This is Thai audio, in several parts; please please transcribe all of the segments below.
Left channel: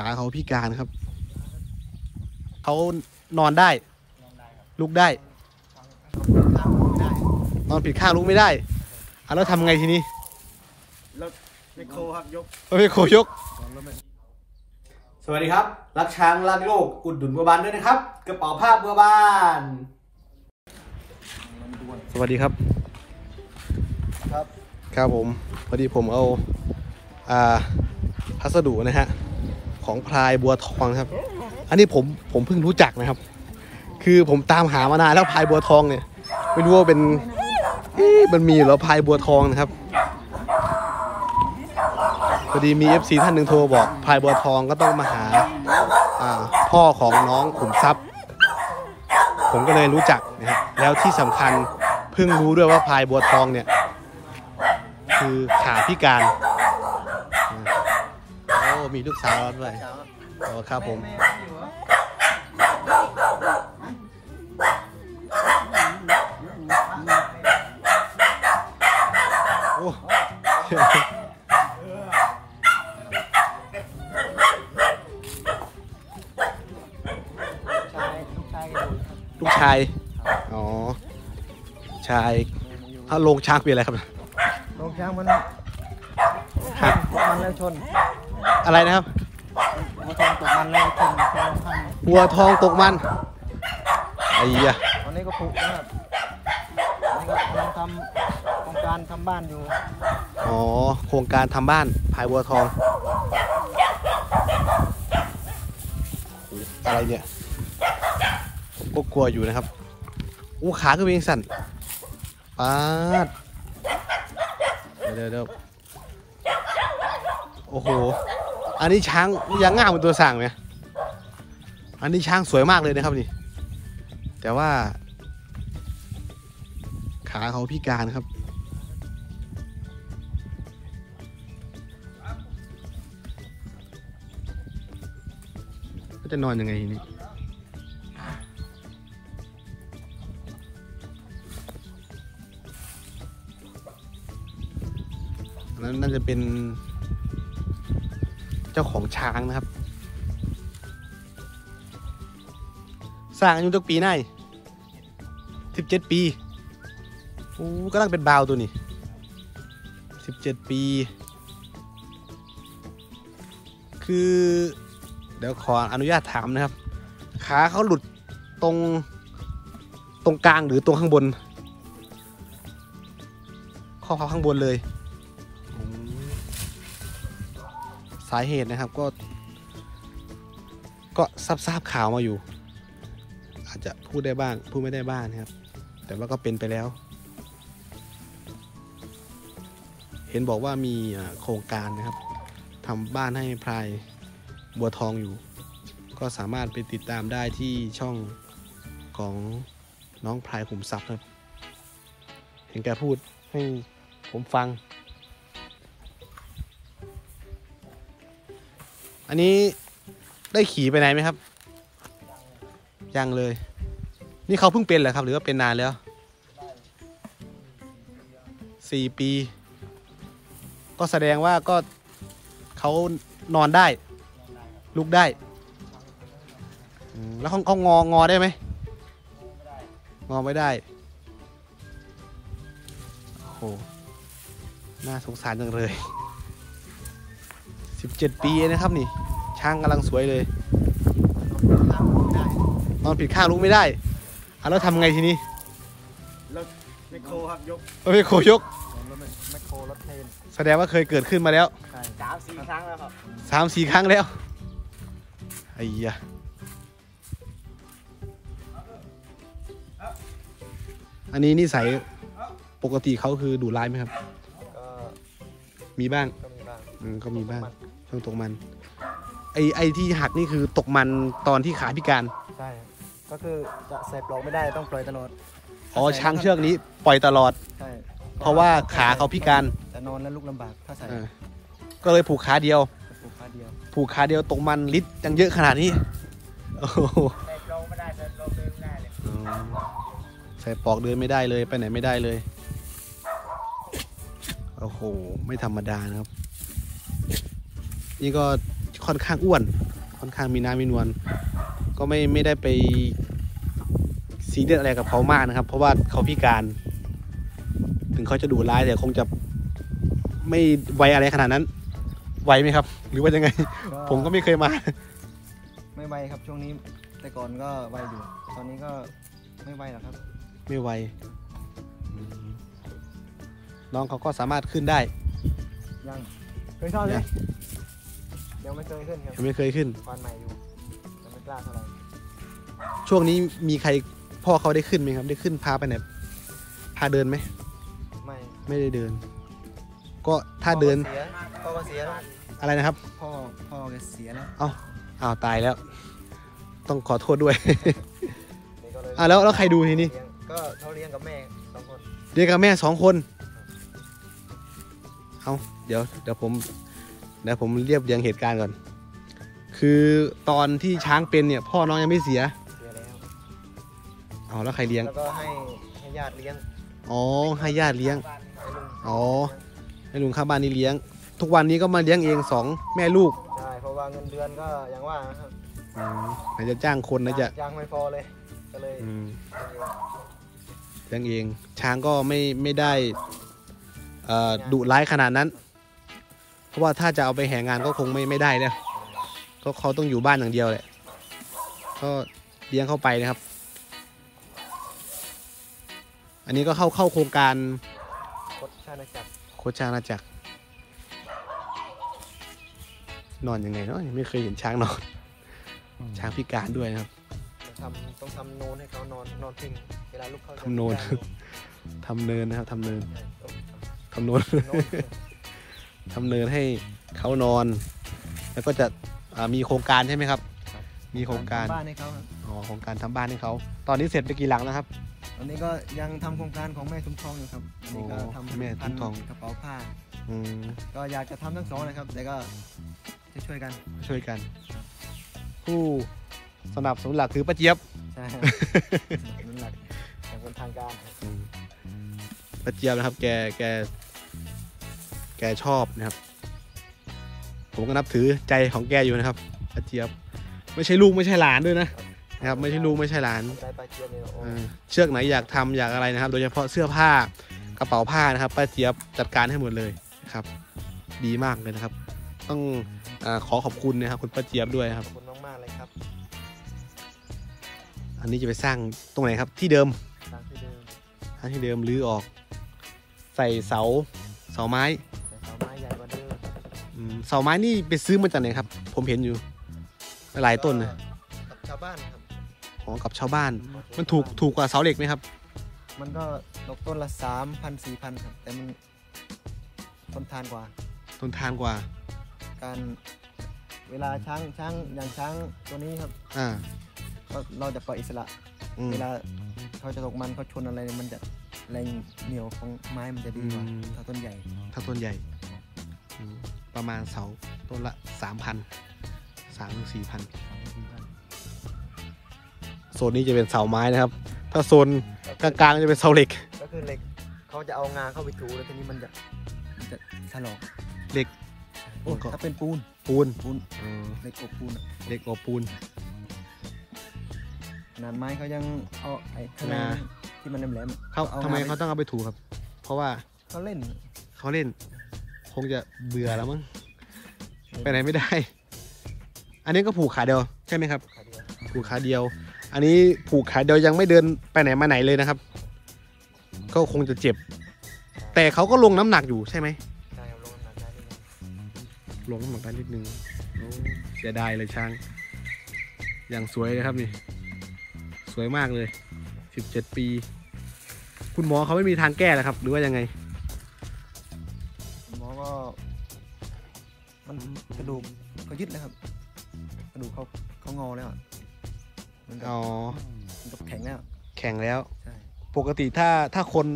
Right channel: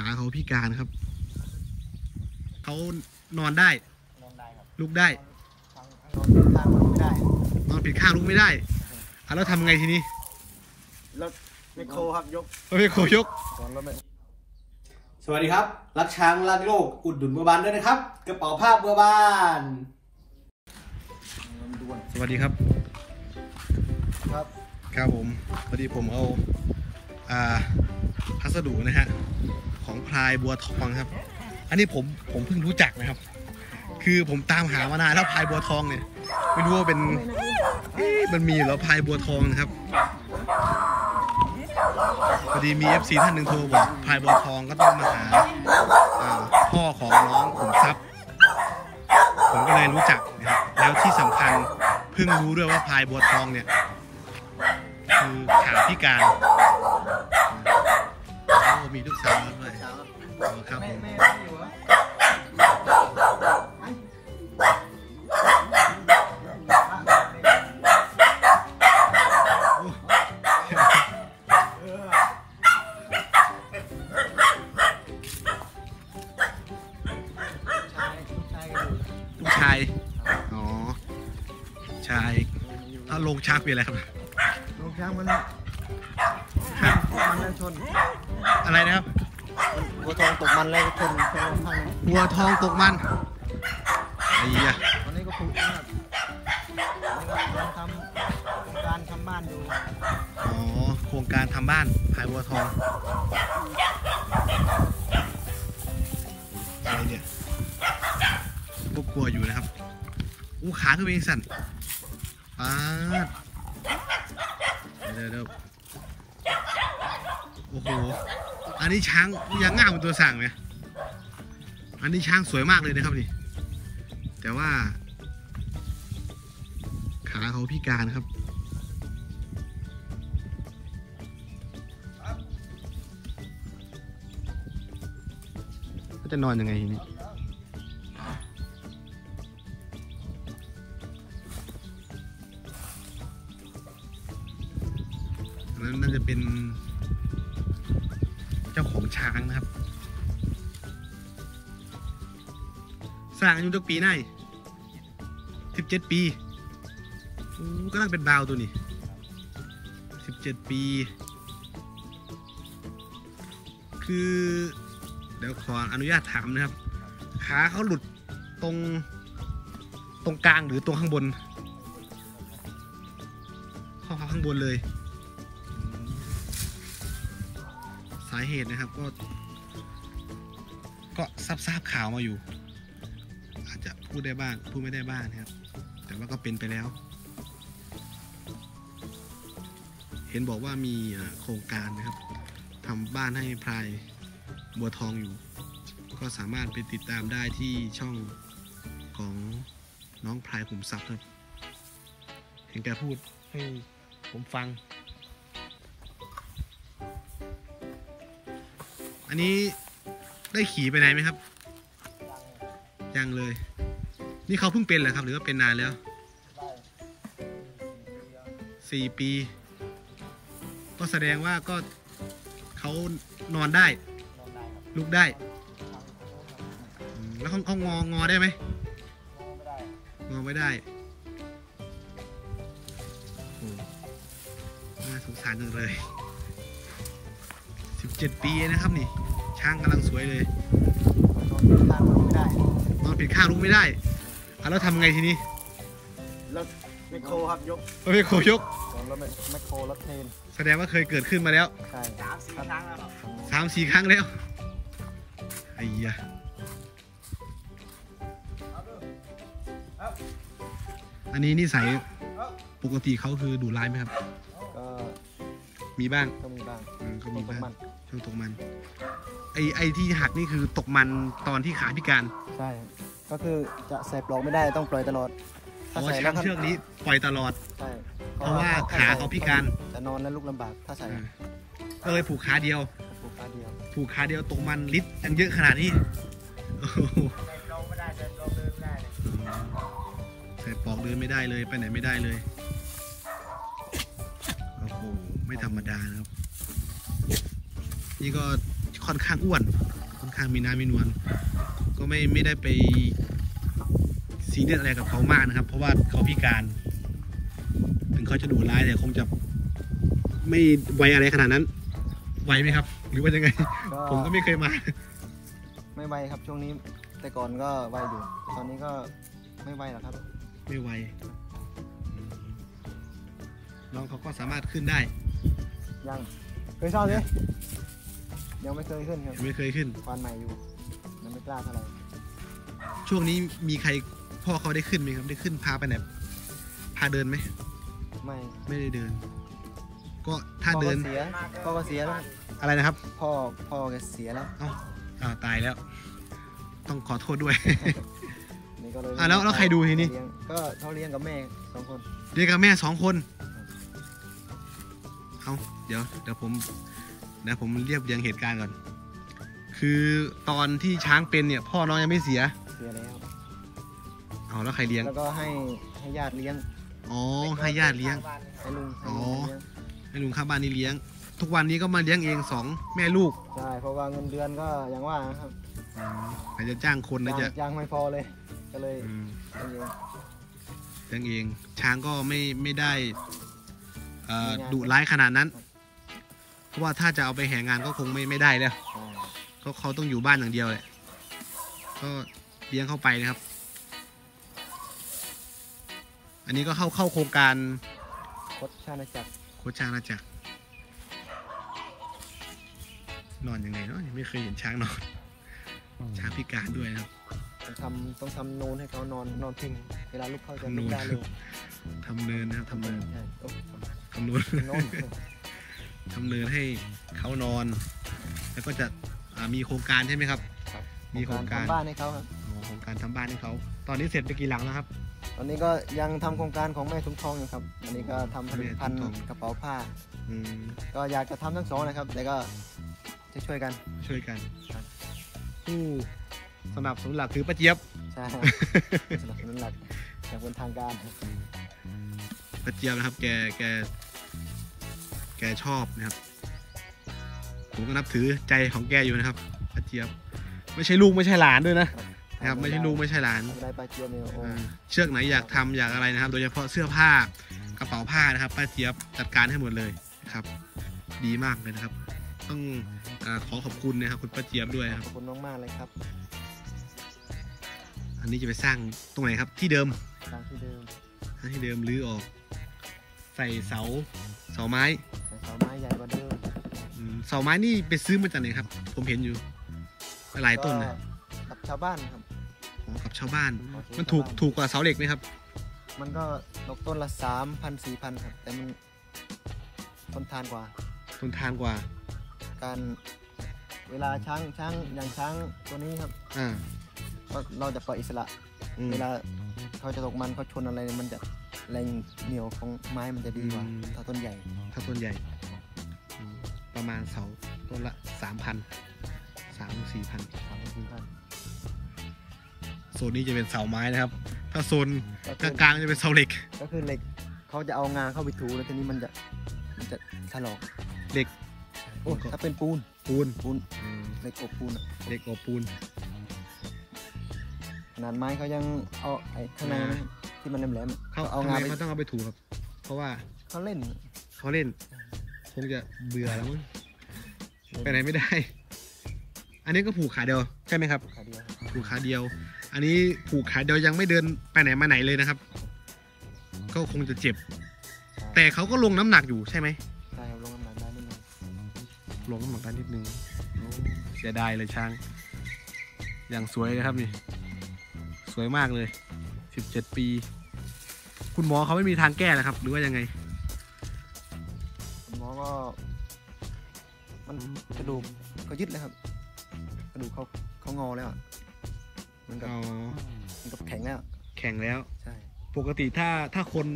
ขาเขาพิการครับ เขานอนได้ นอนได้ครับ ลุกได้ฟังฟังไม่ได้ นอนผิดข้างลุกไม่ได้อะแล้วทำไงทีนี้รถไมโครครับยกรถไมโครยกก่อนรถไมสวัสดีครับ รักช้างรักโลกอุดหนุนบัวบานด้วยนะครับ กระเป๋าผ้าบัวบานลำดวนสวัสดีครับ ครับ ครับผมพอดีผมเอา อ่าพัสดุนะฮะ ของพลายบัวทองครับ อันนี้ผมผมเพิ่งรู้จักนะครับ คือผมตามหามานานแล้วพลายบัวทองเนี่ยไม่รู้ว่าเป็นมันมีหรอพลายบัวทองนะครับพอดีมี FC ท่านหนึ่งโทรบอกพลายบัวทองก็ต้องมาหาพ่อของน้องขุมทรัพย์ ผมก็เลยรู้จักนะครับแล้วที่สำคัญเพิ่งรู้ด้วยว่าพลายบัวทองเนี่ย คือขาพิการ มีลูกสาวด้วยโอ้ครับผมแม่อยู่เหรอโอ้ชายผู้ชายก็อยู่ลูกชาย อ๋อ ชาย ถ้าโลงช้างเป็นอะไรครับลงช้างมันฮะมันเลยชน อะไรนะครับมันหัวทองตกมันเลยชนชนข้างหนึ่งวัวทองตกมันไอ้ยะตอนนี้ก็ผุนะครับมันทำโครงการทำบ้านอยู่อ๋อโครงการทำบ้านพายวัวทอง อะไรเนี่ยผมก็กลัวอยู่นะครับอู้ขาก็เป็นสั่นปาดเดี๋ยวเดี๋ยวเดี๋ยวโอ้โห อันนี้ช้างยังง่ามเป็นตัวสั่งไหมอันนี้ช้างสวยมากเลยนะครับนี่ แต่ว่า ขาเขาพิการครับ ก็จะนอนยังไงทีนี้นั้นน่าจะเป็น จ้าของช้างนะครับสร้างอายุตั้งปีไหนสิบเจ็ดปีโอ้ก็ลังเป็นบาวตัวนี้สิบเจ็ดปี คือ เดี๋ยวขออนุญาตถามนะครับ ขาเขาหลุดตรงตรงกลางหรือตรงข้างบน ข้อเขาข้างบนเลย สาเหตุนะครับก็ ก็ทราบทราบข่าวมาอยู่ อาจจะพูดได้บ้าง พูดไม่ได้บ้างนะครับ แต่ว่าก็เป็นไปแล้ว เห็นบอกว่ามีโครงการนะครับทำบ้านให้พลายบัวทองอยู่ ก็สามารถไปติดตามได้ที่ช่องของน้องพลายขุมทรัพย์ครับ เห็นแกพูดให้ผมฟัง อันนี้ได้ขี่ไปไหนไหมครับ ยังเลย นี่เขาเพิ่งเป็นเหรอครับ หรือว่าเป็นนานแล้วได้สี่ปี ก็แสดงว่าก็เขานอนได้นอนได้ครับลุกได้ทางทางโน้นครับอืมแล้วเขาเขางองอได้ไหมงอไม่ได้งอไม่ได้โอ้โหน่าสงสารจังเลย สิบเจ็ดปีเองนะครับนี่ ช้างกำลังสวยเลยทางไม่ได้นอนผิดข้างลุกไม่ได้อะแล้วทำไงทีนี้รถไมโครครับยกรถไมโครยกก่อนรถไมไมโครรถเทรนแสดงว่าเคยเกิดขึ้นมาแล้วใช่สามสี่ครั้งแล้วครับสามสี่ครั้งแล้วไอ้ยะอันนี้นิสัยปกติเขาคือดูร้ายไหมครับ มีบ้างอืมก็มีบ้าง เรื่องตกมัน ไอไอที่หักนี่คือตกมันตอนที่ขาพิการใช่ ก็คือจะใส่ปลอกไม่ได้ต้องปล่อยตลอดอ๋อช้างเชือกนี้ปล่อยตลอด ใช่เพราะว่าขาเขาพิการจะนอนแล้วลุกลำบากถ้าใส่อ่าก็เลยผูกขาเดียว ผูกขาเดียว ผูกขาเดียวตกมันลิตรยังเยอะขนาดนี้โอ้โหใส่ปลอกไม่ได้ใส่ปลอกเดินไม่ได้เลยอ๋อใส่ปลอกเดินไม่ได้เลยไปไหนไม่ได้เลย โอ้โห ไม่ธรรมดานะครับ นี่ก็ค่อนข้างอ้วน ค่อนข้างมีน้ำมีนวล ก็ไม่ไม่ได้ไปซีเรียสอะไรกับเขามากนะครับ เพราะว่าเขาพิการ ถึงเขาจะดุร้ายแต่คงจะไม่ไวอะไรขนาดนั้น ไวไหมครับ หรือว่ายังไง ผมก็ไม่เคยมา ไม่ไวครับช่วงนี้ แต่ก่อนก็ไวอยู่ ตอนนี้ก็ไม่ไวแล้วครับ ไม่ไวอืมน้องเขาก็สามารถขึ้นได้ ยังไม่เท่ายั นี้งยังไม่เคยขึ้นคยัรับงไม่เคยขึ้น ฟันใหม่อยู่ยังไม่กล้าเท่าไหร่ช่วงนี้มีใครพ่อเขาได้ขึ้นไหมครับ ได้ขึ้นพาไปไหนพาเดินไหม ไม่ไม่ได้เดิน ก็ถ้าเดิน เสียพ่อเสียอะไรนะครับ พ่อพ่อแกเสียแล้วอ้าวตายแล้ว ต้องขอโทษด้วย นี่ก็เลยอะแล้วแล้วใครดูทีนี้ ก็เขาเลี้ยงกับแม่สองคนเรียกกับแม่สองคน เอาเดี๋ยว เดี๋ยวผม เดี๋ยวผมเรียบเรียงเหตุการณ์ก่อน คือตอนที่ช้างเป็นเนี่ย พ่อน้องยังไม่เสียเสียแล้วเอาแล้วใครเลี้ยง แล้วก็ให้ให้ญาติเลี้ยงอ๋อ ให้ญาติเลี้ยงให้ลุงอ๋อ ให้ลุงข้างบ้านนี่เลี้ยง ทุกวันนี้ก็มาเลี้ยงเองสองแม่ลูกใช่เพราะว่าเงินเดือนก็อย่างว่านะครับอืมไหนจะจ้างคนนะจะยางไม่พอเลยก็เลยอืมให้เลี้ยงเลี้ยงเอง ช้างก็ไม่ไม่ได้เอ่อดุร้ายขนาดนั้น เพราะว่าถ้าจะเอาไปแห่งานก็คงไม่ไม่ได้แล้วก็เขาต้องอยู่บ้านอย่างเดียวแหละก็เลี้ยงเข้าไปนะครับ อันนี้ก็เข้าเข้าโครงการครบชาติจักรโคชช้างนาจักรนอนยังไงเนาะยังไม่เคยเห็นช้างนอน ช้างพิการด้วยนะครับทำต้องทำโนนให้เขานอนนอนทิ้งเวลารถเขาทำโนนทำเนินนะครับทำเนินทำโนน ทำเนินให้เขานอน แล้วก็จะอ่ามีโครงการใช่ไหมครับ มีโครงการทำบ้านให้เขาครับอ๋อโครงการทำบ้านให้เขา ตอนนี้เสร็จไปกี่หลังแล้วครับ ตอนนี้ก็ยังทำโครงการของแม่ทุมทองอยู่ครับ อันนี้ก็อ๋อทำผแม่ลิตทุภัณมฑ์ทองกระเป๋าผ้าอืมก็อยากจะทำทั้งสองนะครับ แต่ก็จะช่วยกัน ช่วยกันครับผู้สนับสนุนหลักคือป้าเจี๊ยบ ใช่ครับสนับสนุนหลักจากบนทางการป้าเจี๊ยบนะครับ แก แก แกชอบนะครับ ผมก็นับถือใจของแกอยู่นะครับป้าเจี๊ยบ ไม่ใช่ลูกไม่ใช่หลานด้วยนะนะครับ ไม่ใช่ลูกไม่ใช่หลานได้ปลาเจียนเลยเออเชือกไหนอยากทำอยากอะไรนะครับ โดยเฉพาะเสื้อผ้ากระเป๋าผ้านะครับป้าเจี๊ยบจัดการให้หมดเลยนะครับ ดีมากเลยนะครับ ต้องอาขอขอบคุณนะครับ คุณป้าเจี๊ยบด้วยนะครับขอบคุณมากๆเลยครับ อันนี้จะไปสร้างตรงไหนครับที่เดิมตามที่ดูถ้าที่เดิมรื้อออก ใส่เสาเสาไม้ เสาไม้นี่ไปซื้อมาจากไหนครับ ผมเห็นอยู่ หลายต้นนะกับชาวบ้านครับของกับชาวบ้าน มันถูกถูกกว่าเสาเหล็กไหมครับ มันก็ตกต้นละสามพันสี่พันครับ แต่มันทนทานกว่า ทนทานกว่า การเวลาช้างช้างอย่างช้างตัวนี้ครับ อ่าก็เราจะปล่อยอิสระ อืม เวลาเขาจะตกมันเขาชนอะไรเนี่ยมันจะแรงเหนียวของไม้มันจะดีกว่าอืม ถ้าต้นใหญ่ถ้าต้นใหญ่อืม ประมาณเสาต้นละสามพันสามสี่พันสามสี่พันโซนนี้จะเป็นเสาไม้นะครับ ถ้าโซนกลางๆจะเป็นเสาเหล็กก็คือเหล็กเขาจะเอางาเข้าไปถูแล้วทีนี้มันจะมันจะถลอกเหล็กโอ้ถ้าเป็นปูนปูนปูนเหล็กอบปูนอะเหล็กอบปูนขนาดไม้เขายังเอาไอ้ข้างในงาที่มันแหลมๆอะเขาเอาทำไมงาไปเขาต้องเอาไปถูครับ เพราะว่าเขาเล่นเขาเล่น คงจะเบื่อแล้วมั้งไปไหนไม่ได้ อันนี้ก็ผูกขาเดียวใช่ไหมครับ ผูกขาเดียว อันนี้ผูกขาเดียวยังไม่เดินไปไหนมาไหนเลยนะครับ ก็คงจะเจ็บ แต่เขาก็ลงน้ำหนักอยู่ใช่ไหมลงน้ำหนักได้นิดนึงโอ้เสียดายเลยช้าง อย่างสวยเลยครับนี่ สวยมากเลยสิบเจ็ดปี คุณหมอเขาไม่มีทางแก้แล้วครับ หรือว่ายังไง กระดูกเขายึดแล้วครับ กระดูกเขาเขางอแล้วอะมันก็อ๋อมันก็แข็งแล้ว แข่งแล้ว ใช่ ปกติถ้าถ้าคน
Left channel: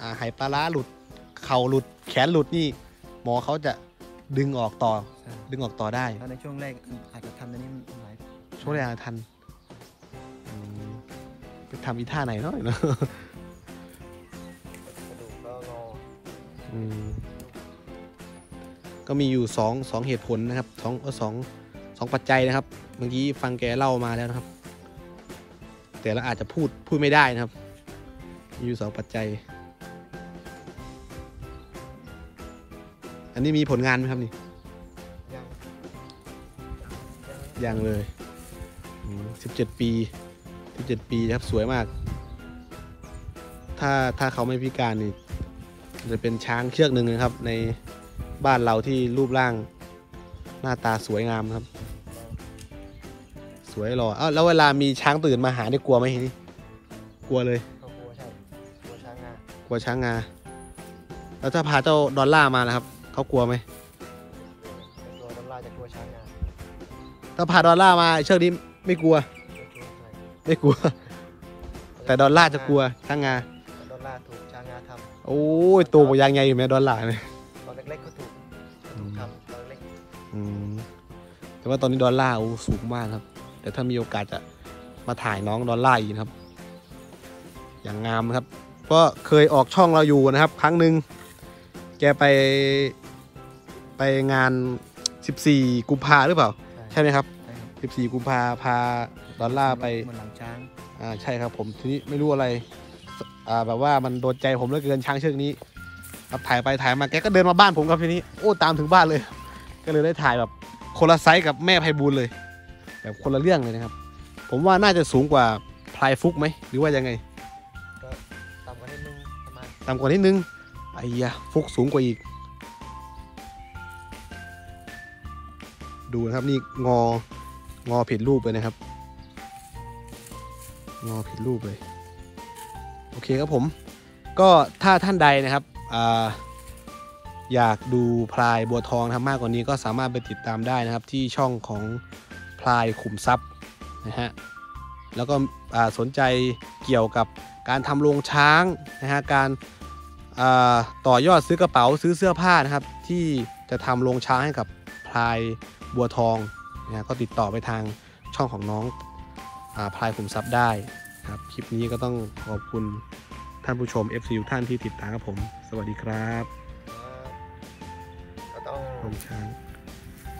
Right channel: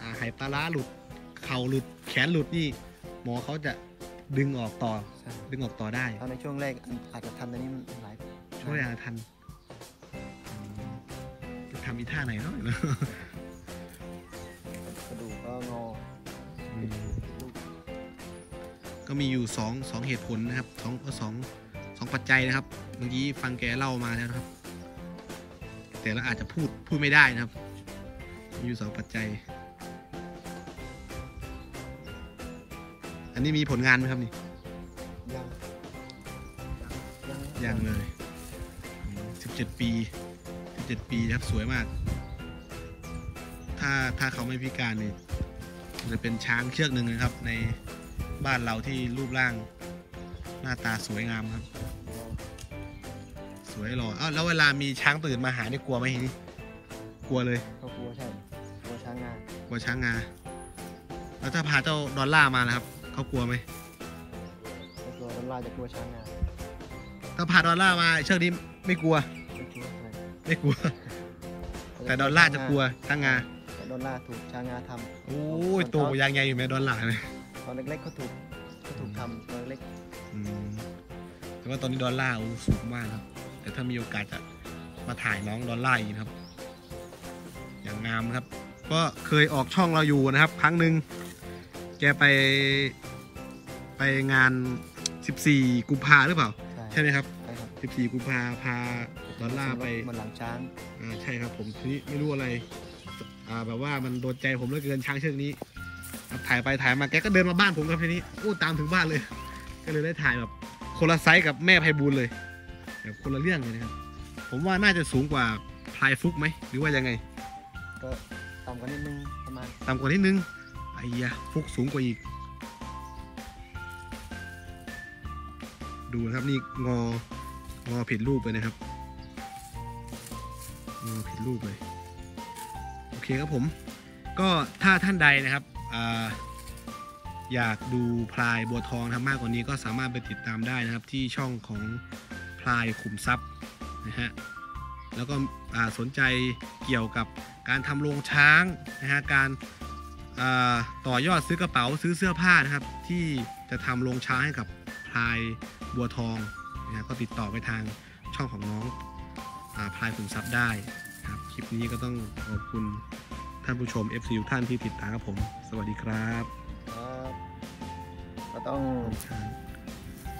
อ่าไหปลาร้าหลุด เข่าหลุด แขนหลุดนี่ หมอเขาจะดึงออกต่อ ใช่ ดึงออกต่อได้ถ้าในช่วงแรกอาจจะทันแต่นี้มันหลายช่วงแรกอาจทันอืมจะทำอีท่าไหนเนาะเนอะ ก็มีอยู่สองสองเหตุผลนะครับสองเออสองสองปัจจัยนะครับเมื่อกี้ฟังแกเล่ามาแล้วนะครับ แต่เราอาจจะพูดพูดไม่ได้นะครับ มีอยู่สองปัจจัย อันนี้มีผลงานไหมครับนี่ยังเลยสิบเจ็ดปีสิบเจ็ดปีครับสวยมาก ถ้าถ้าเขาไม่พิการนี่จะเป็นช้างเชือกหนึ่งนะครับใน บ้านเราที่รูปร่างหน้าตาสวยงามครับ สวยหล่ออ้าวแล้วเวลามีช้างตื่นมาหาได้กลัวไหมทีนี่กลัวเลย กลัวช้างงา แล้วถ้าพาเจ้าดอลล่าร์มานะครับ เขากลัวไหมถ้าพาดอลล่าร์มาเชือกนี้ไม่กลัว ไม่กลัว แต่ดอลล่าร์จะกลัวช้างงาโดนลากถูกช้างงาทำโอ้ยตัวบยังไงอยู่ไหมดอลลาร์ไห ว่าตอนนี้ดอลลาร์โอ้สูงมากครับ แต่ถ้ามีโอกาสจะมาถ่ายน้องดอลลาร์อีกนะครับ อย่างงามนะครับ ก็เคยออกช่องเราอยู่นะครับ ครั้งหนึ่งแกไปไปงาน 14 กุมภาหรือเปล่า ใช่ไหมครับใช่ครับ 14 กุมภาพาดอลลาร์ไปบนหลังช้างอ่าใช่ครับผมทีนี้ไม่รู้อะไรอ่าแบบว่ามันโดนใจผมเหลือเกินช้างเชือกนี้ครับถ่ายไปถ่ายมาแกก็เดินมาบ้านผมครับทีนี้โอ้ตามถึงบ้านเลย ก็เลยได้ถ่ายแบบ คนละไซส์กับแม่ไพบูลเลย แบบคนละเรื่องเลยนะครับ ผมว่าน่าจะสูงกว่าพลายฟุกไหมหรือว่ายังไงต่ำกว่านิดนึงไอ้ยะฟุกสูงกว่าอีก ดูนะครับนี่งองอผิดรูปเลยนะครับ งอผิดรูปเลย โอเคครับผม ก็ถ้าท่านใดนะครับอ่า อยากดูพลายบัวทองนะครับมากกว่านี้ก็สามารถไปติดตามได้นะครับที่ช่องของพลายขุมทรัพย์นะฮะแล้วก็สนใจเกี่ยวกับการทำโรงช้างนะฮะการาต่อยอดซื้อกระเป๋าซื้อเสื้อผ้านะครับ ที่จะทำโรงช้างให้กับพลายบัวทองนะฮะก็ติดต่อไปทางช่องของน้องอพลายขุมทรัพย์ได้ครับคลิปนี้ก็ต้องขอบคุณท่านผู้ชม FC ทุกท่านที่ติดตามครับผม สวัสดีครับ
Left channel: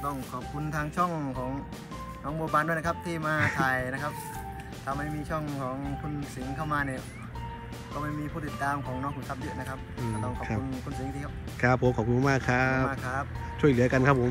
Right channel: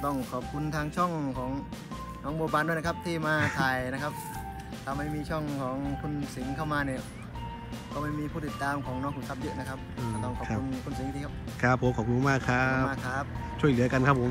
ต้องขอบคุณทางช่องของน้องโบวบานด้วยนะครับ ที่มาถ่ายนะครับถ้าไม่มีช่องของคุณสิงห์เข้ามาเนี่ยก็ไม่มีผู้ติดตามของน้องขุนทรัพย์เยอะนะครับอืมก็ต้องขอบครับ คุณคุณสิงห์ที่ครับครับผมขอบคุณมากครัขอบคุณบมากครับ ช่วยเหลือกันครับผม